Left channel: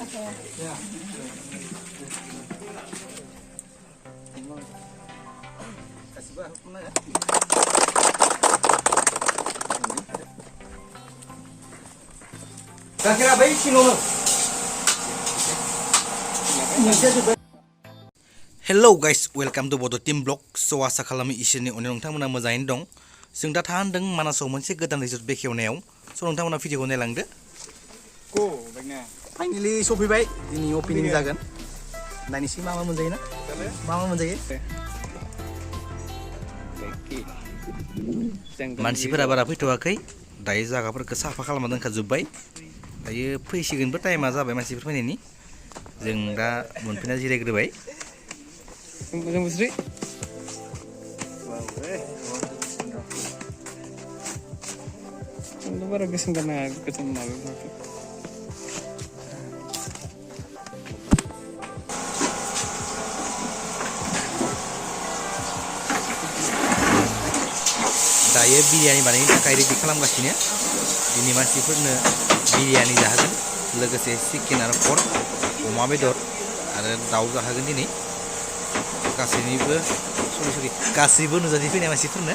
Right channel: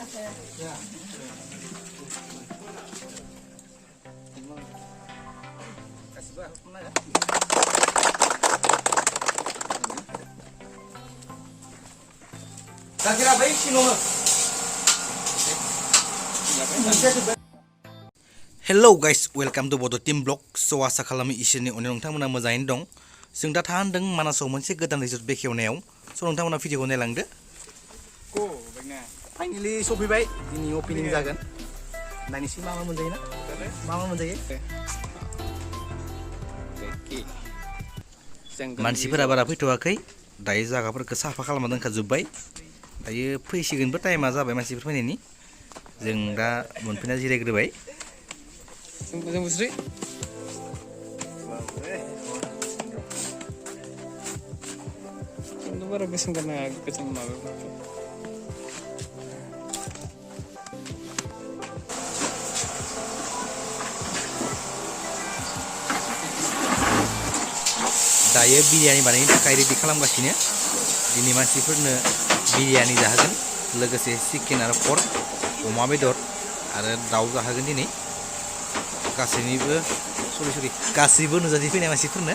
Hello guys, welcome to Bodo Team Blog. So आसा खालामो इसोरनि अननायाव नोंथांमोना मोजाङैनो दं. जों दा थाहांदों मानासाव मोनसे गोदान रिजर्ट बेखेवनायाव. स' नोंथांमोना भिडिअखौ नायलांदो. फाइनालि सफैबाय. दिनै ओपनिं जागोन. नायनोसै मा मोनजायो ना? मा मोनजायो? मानसिफोरा बारा फैथ'वाखै. दायो जायगाफोरखौ साफा खालामना दोनखाजोब्बाय. दायो फैसिगोनबो टाइमा जाबाय मानसिफोर फैनायनि. जों दा मोनफैना जिरायग्रोबाय. Moja musri. Itu baru kesem karena kesem malu. Daye biryani बानायनो थाखाय रेडि खालामगासिनो. दिनै मानसिफोरनो बिरियानि जाहोगोन. लोगोसे चिकेन आरो पर्क, अमा बेदर आरो दाउ जाहोगोन दिनै. गासैबो नुजाथि फैनाय मानसिफोरनो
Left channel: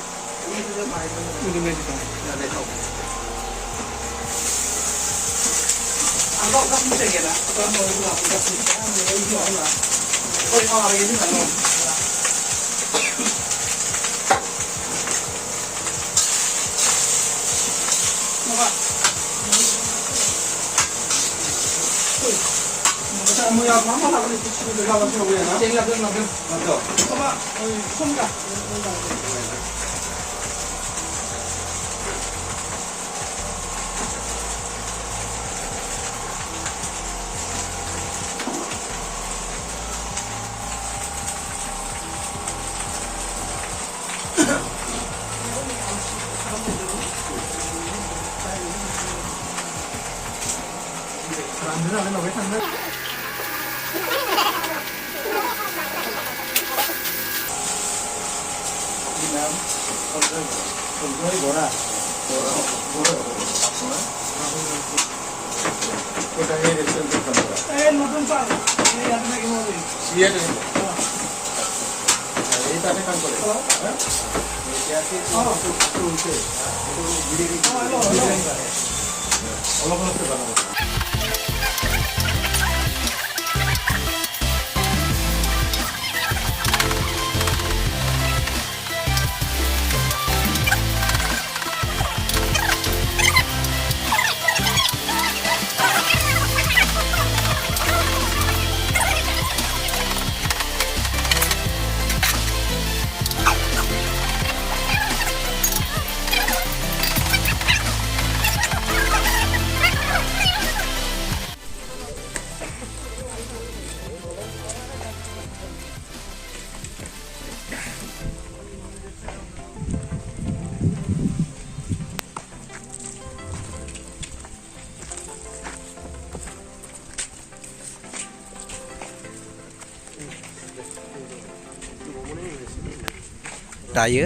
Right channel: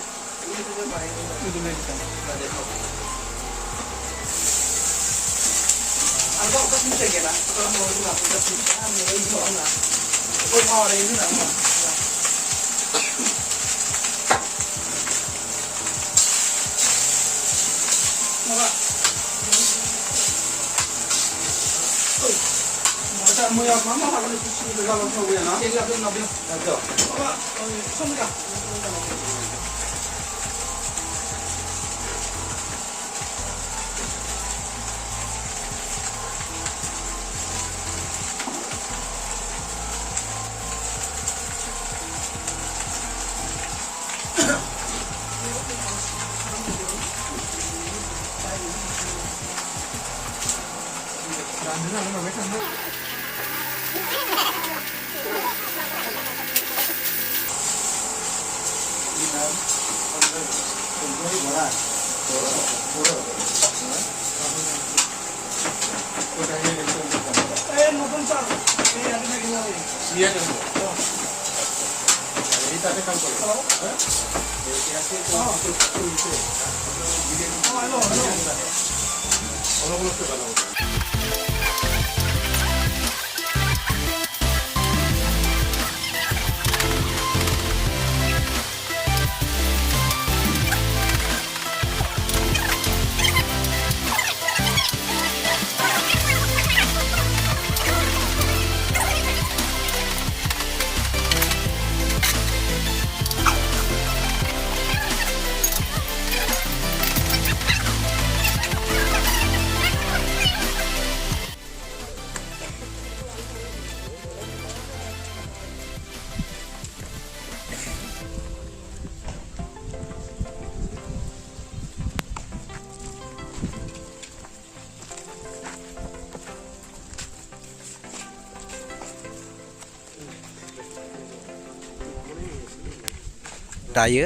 दायो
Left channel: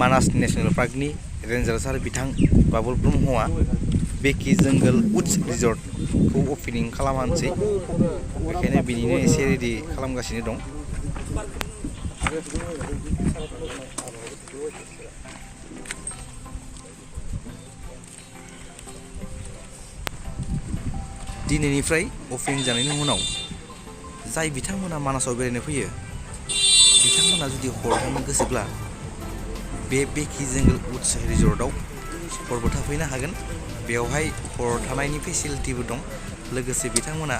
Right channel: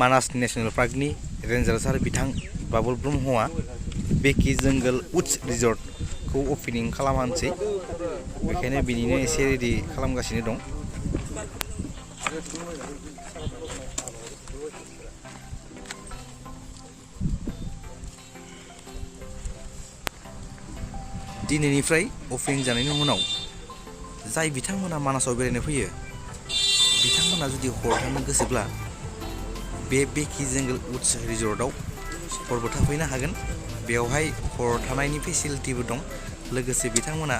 मानास नेशनेल पार्कनि रेन्जार सार बिथां बाबुल ब्रह्मआ बेकि जंगल उड्स रिजर्टखौ ओपनिं खालामहानोसै बेखायनो बिनिनो एसे रेडि खालामगासिनो दं दिनैनिफ्राय ओपनिं जानायनि उनाव जाय बिथांमोना मानासाव बेरायनो फैयो बिथांमोना जुदि हर थानो गोसोब्ला बे बेकि जंगल उड्स रिजर्टआव हरबो थाफैनो हागोन बेवहाय हर थानायनि फेसिलिटिबो दं लोगोसे बिथांमोना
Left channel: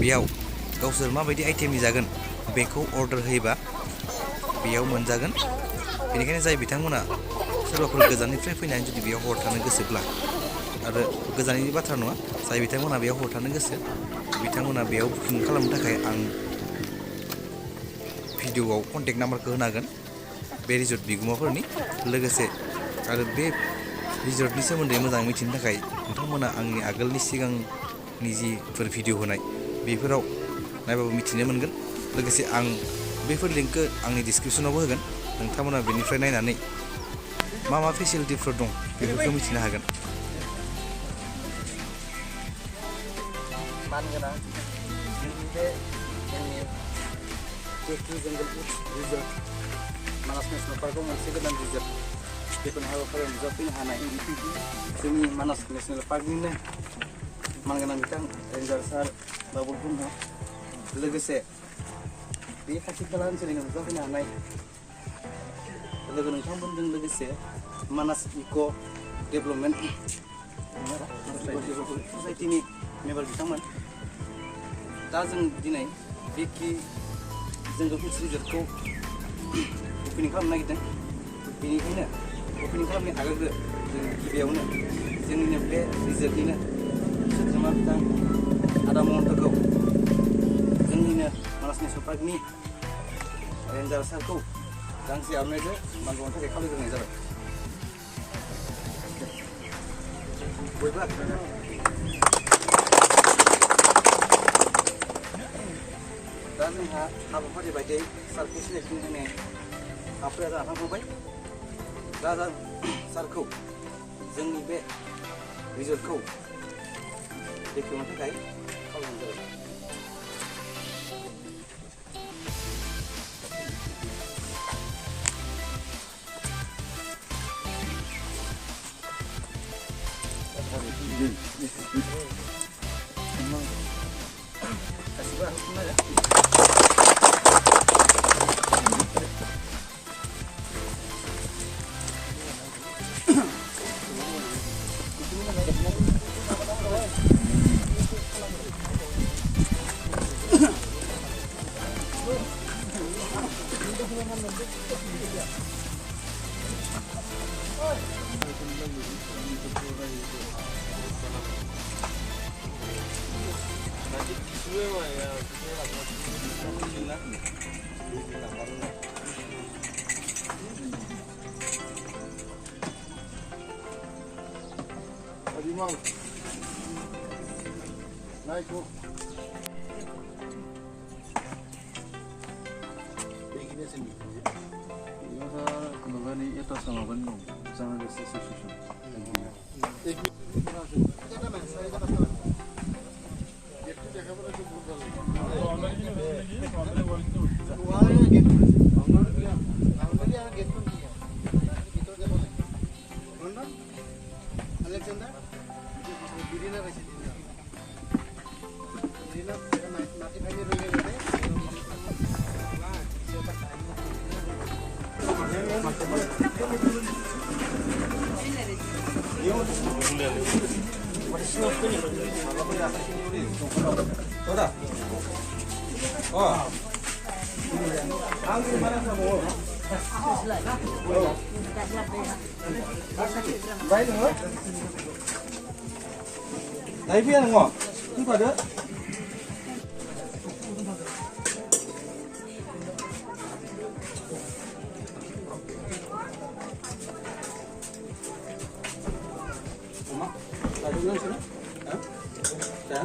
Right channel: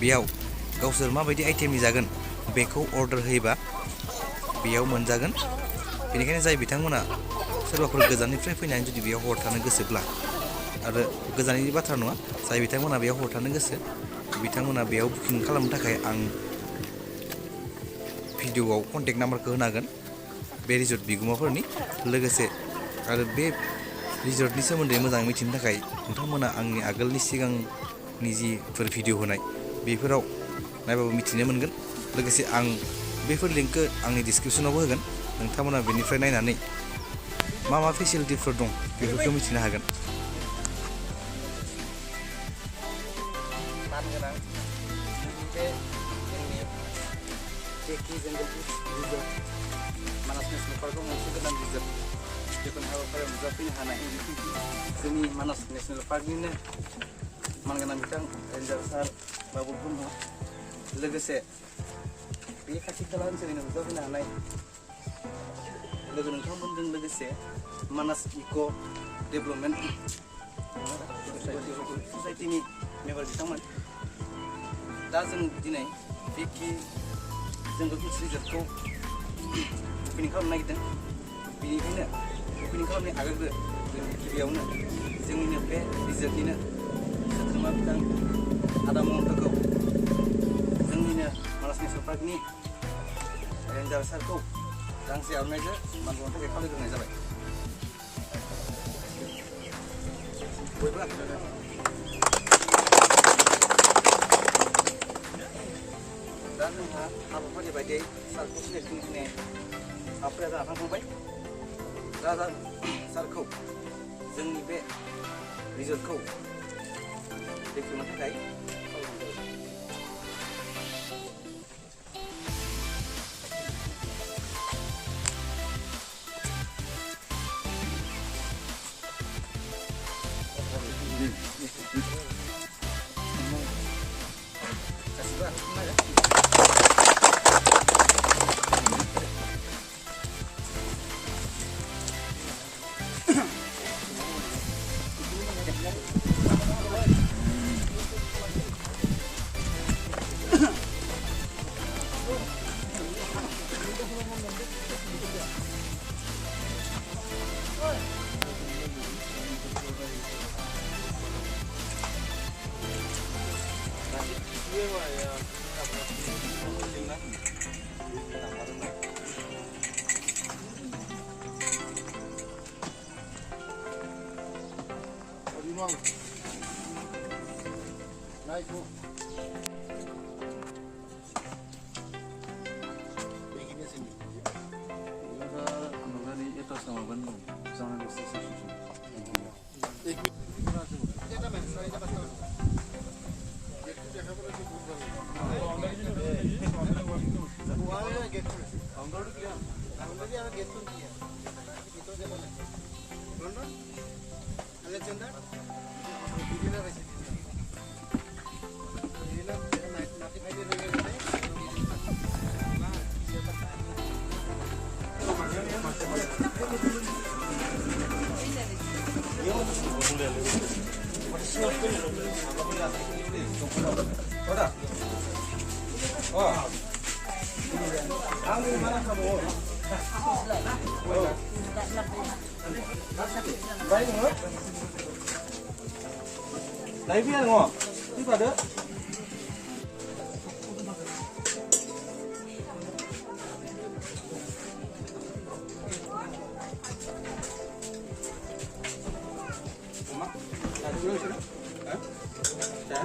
बेयाव गावसोर माबायदि आइटेमनि जागोन बेखौ अर्डार होयोबा बेयाव मोनजागोन बेनिखायनो जाय बिथांमोना सोरबाफोर गोजाननिफ्राय फैनानै जुदि बेयाव हर थानो गोसोब्ला आरो गोजाननि बाथ्रा नङा जाय बिथांमोना बेयाव हर थानो गोसो बिथांमोना बेयाव बुकिं खालामनो थाखाय आं भिडिअआव कन्टेक्ट नाम्बारखौ होनो हागोन बे रिजर्ट बिगुमाफोरनि लोगोसे आरो बे रिजर्टनि सोमोन्दै मोजाङै मिथिनो थाखाय नोंथांमोना आंनि आगोलनि सिगांनि जिफोर भिडिअ होनाय बेफोराव नायबाबो मिथिनो मोनगोन लोगोसे आं बेफोर लिंकखौ आंनि डिसक्रिपसनावबो होगोन नोंथांमोना बेनिफ्राय नायनानै मा मा फेसिलिटिफोर दं बेफोरखौ मिथिनो हागोन मानगोनां बे जोंनि बेकि जंगल रिजर्ट मानास नेसनेल पार्कआव मोनसे गोदान रिजर्ट बेफोरनि हाबाफारियाव नुजाफैनो हानाय जोंनि मानास नेसनेल पार्कनिनो मानगोनां बिथां रेन्जार सार बाबुल ब्रह्म लोगोसे बे खाथि खाला ओनसोलनिनो नुजाफैनो हानाय लोगो नोंथांमोनजों लोगोसे मानास इक' डेभेलपमेन्ट ससाइटिनि मेम्बार बिथांमोन दा जों दिनै बेकि जंगल रिजर्टखौ ओपनिं खालामनो नागिरदों बेनिखायनो ओपनिं खालामनायनि आगोलग्रो जों गिबियावनो जोंनिनो बे रिजर्टनिनो सोद्रोमा बिथां आदा महन्तखौ जोंनिनो मानास नेसनेल पार्कनि रेन्जार सारखौ गांसे आर'नाइजों मान बावनो थाखाय खावलायग्रोनाय जाबाय। दा जोंहा हाबाफारि बायदियै सारखौ सिनायथि होनाय हाबाफारिया जाना थांखांबाय दा सारखौ जोंनि बे रिजर्टखौ बेखेवनो थाखाय खावलायनाय जाबाय। गासिबो आरो Đấy viên đúng không? Cứ vào đỡ. Là đúng rồi chứ? Hả? Chả?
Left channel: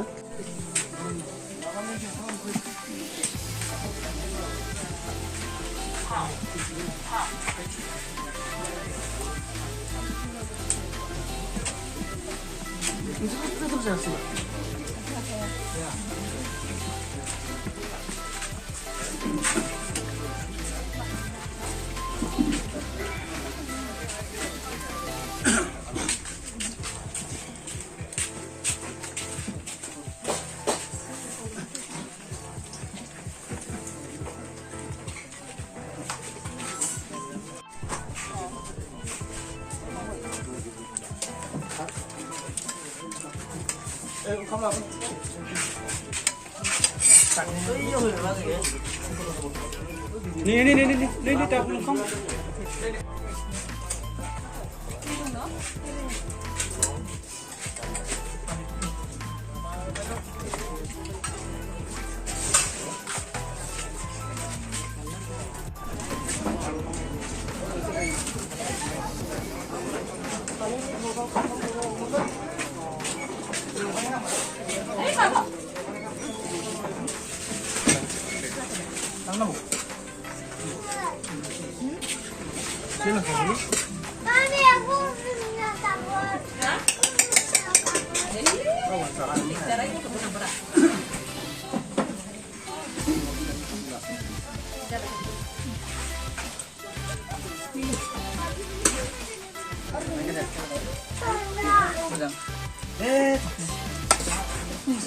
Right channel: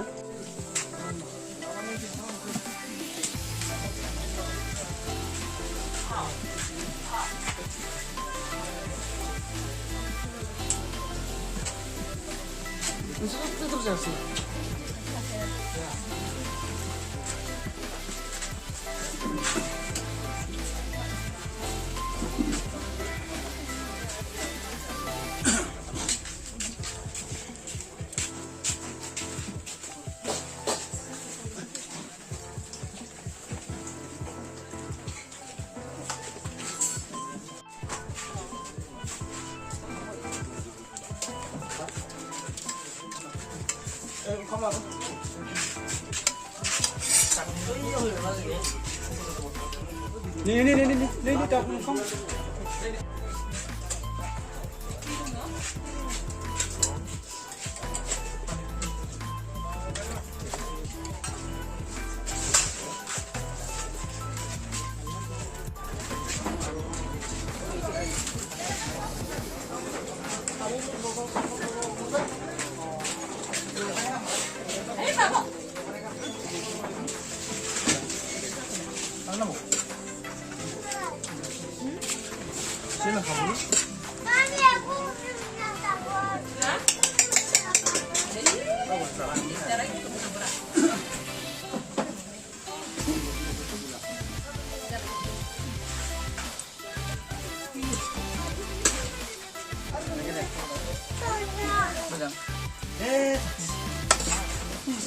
Không làm đi tập không Hả? Ini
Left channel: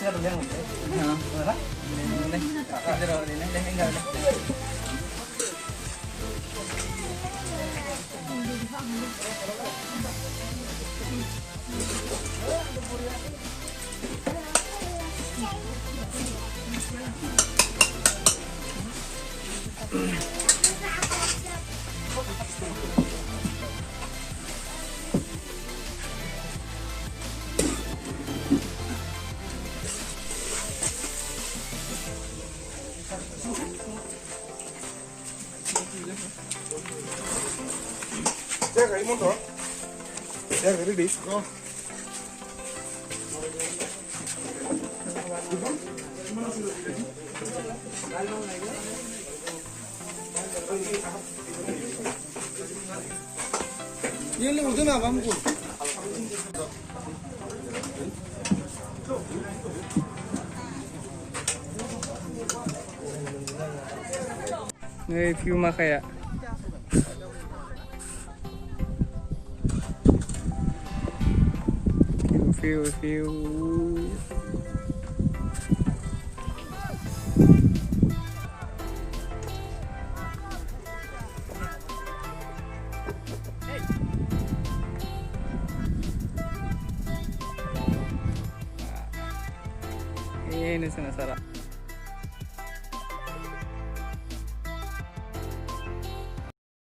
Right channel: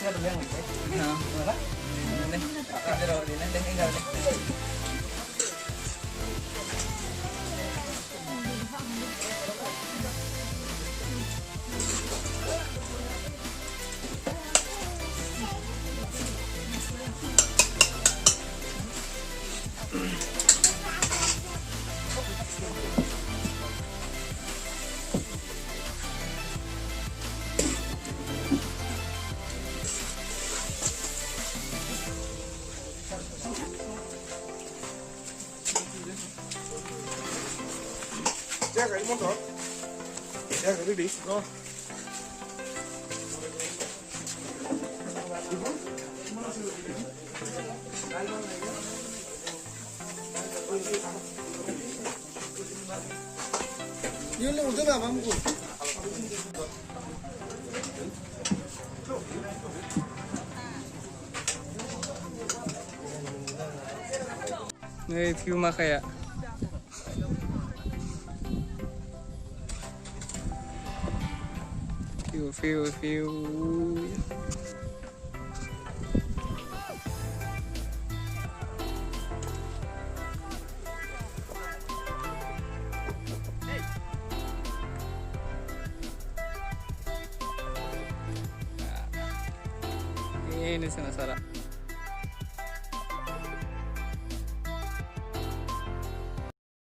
udah nggak bang? Nih view mah kayak view. Ini sana Sarah.